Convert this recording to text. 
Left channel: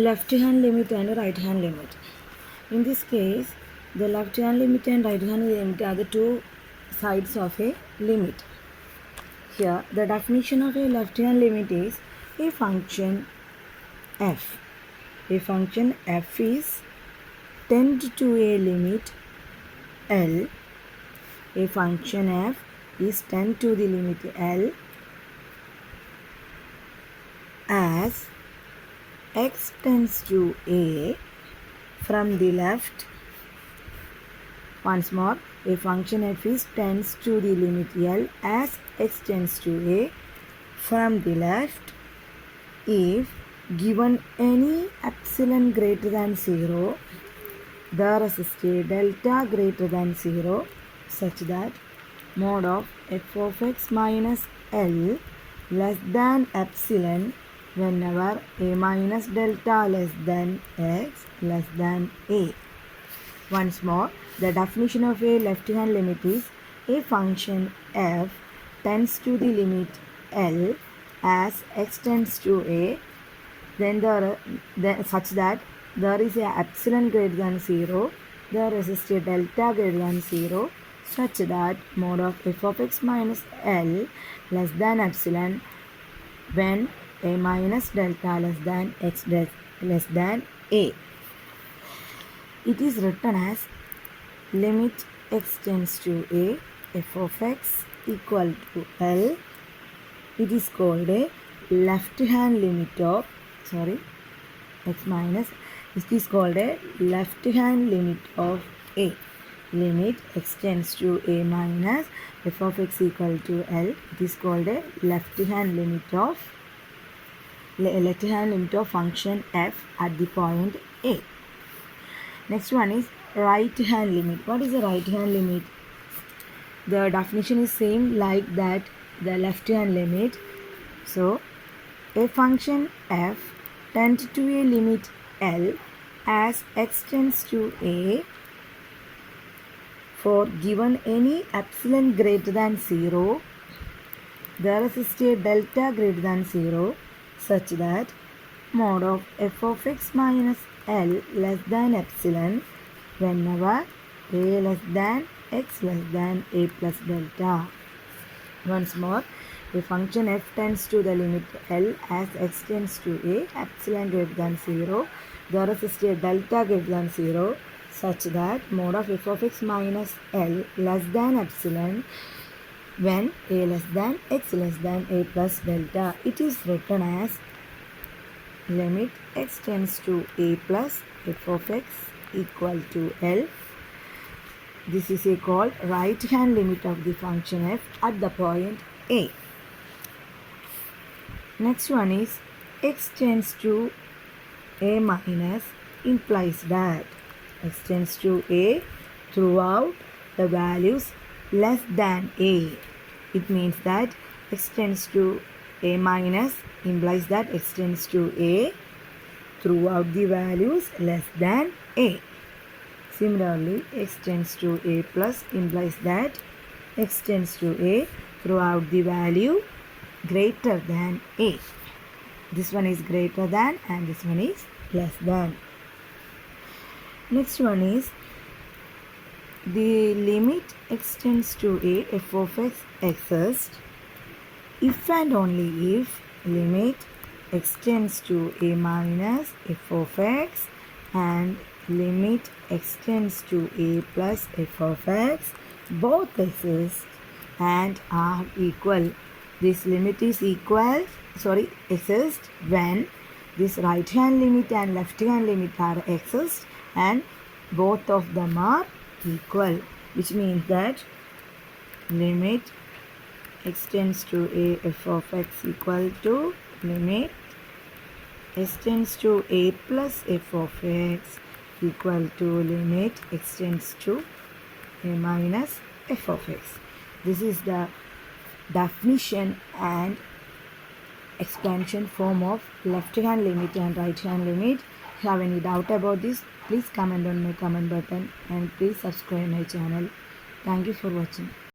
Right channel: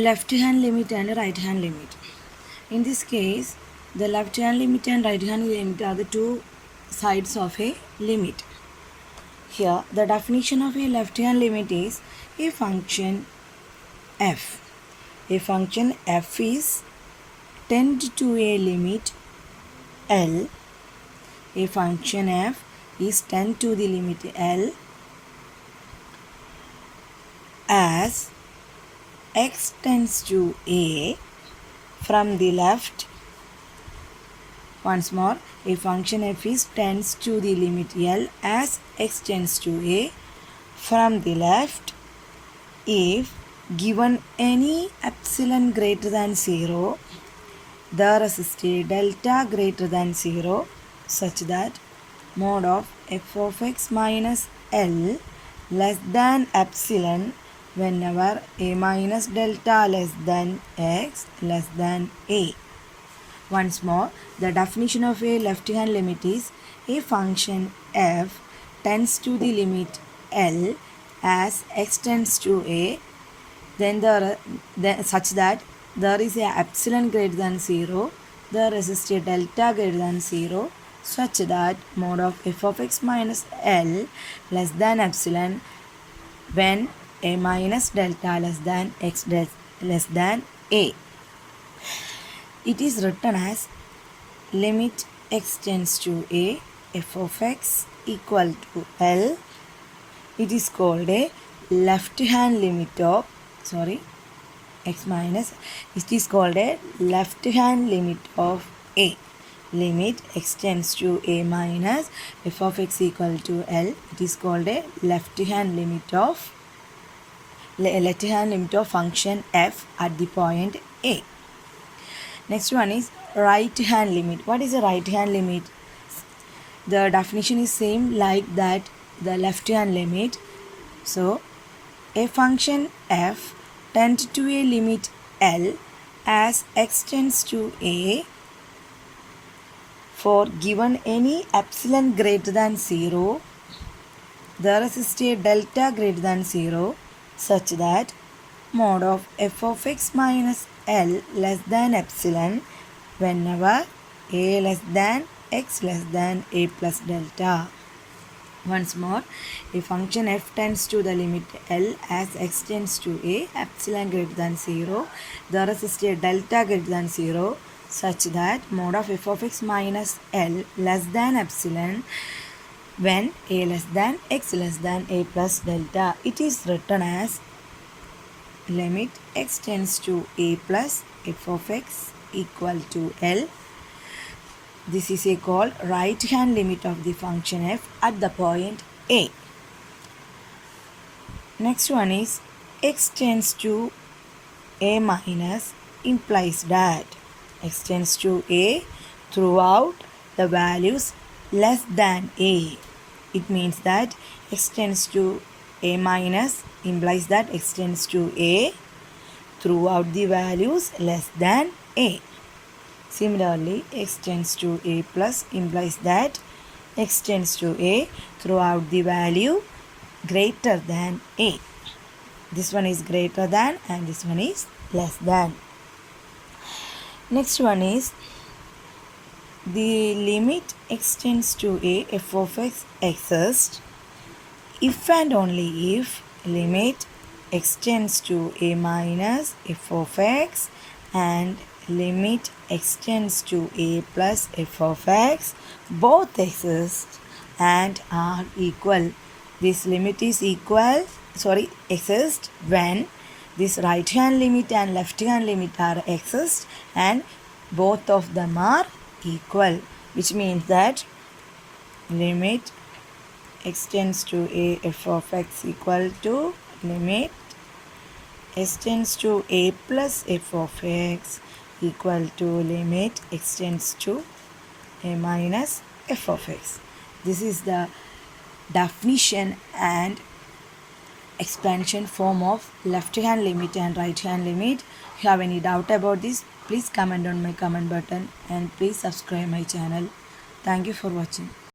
left hand limit and right hand limit. In this case, the left hand limit and right hand limit are the two sides of a limit. Here, the definition of a left hand limit is a function f. A function f is tend to a limit L. A function f is tend to the limit L as x tends to a from the left. Once more, a function f is tends to the limit L as x tends to a from the left if given any epsilon greater than 0, there exists a delta greater than 0 such that mod of f of x minus L less than epsilon whenever a minus delta less than x less than a. Once more, the definition of a left hand limit is a function f tends to the limit L as x tends to a such that there is a epsilon greater than 0, there exists a delta greater than 0 such that mod of f of x minus L less than epsilon when a minus delta less than x less than a. It is written as limit x tends to a f of x equal to L. It is called a left hand limit of x minus. It is called a left hand limit of a. Limit x tends to a minus f of x equal to L. It is called a left hand limit of function f at the point a. Next one is right hand limit. What is a right hand limit? The definition is same like that the left hand limit. So a function f tends to a limit L as x tends to a for given any epsilon greater than 0, there exists a delta greater than 0 such that mod of f of x minus L less than epsilon whenever a less than x less than a plus delta. Once more, a function f tends to the limit L as x tends to a epsilon greater than 0, there exists a delta greater than 0 such that mod of f of x minus L less than epsilon when a less than x less than a plus delta. It is written as limit x tends to a plus f of x equal to L. This is called right hand limit of the function f at the point a. Next one is x tends to a minus implies that x tends to a throughout the values less than a. It means that x tends to a minus implies that x tends to a throughout the values less than a. Similarly, x tends to a plus implies that x tends to a throughout the value greater than a. This one is greater than and this one is less than. Next one is the limit x tends to a f of x exists if and only if limit x tends to a minus f of x and limit x tends to a plus f of x both exist and are equal. This limit is exist when this right hand limit and left hand limit are exist and both of them are equal, which means that limit x tends to a f of x equal to limit x tends to a plus f of x equal to limit x tends to a minus f of x. This is the definition and expansion form of left hand limit and right hand limit. If you have any doubt about this, please comment on my comment button and please subscribe my channel. Thank you for watching.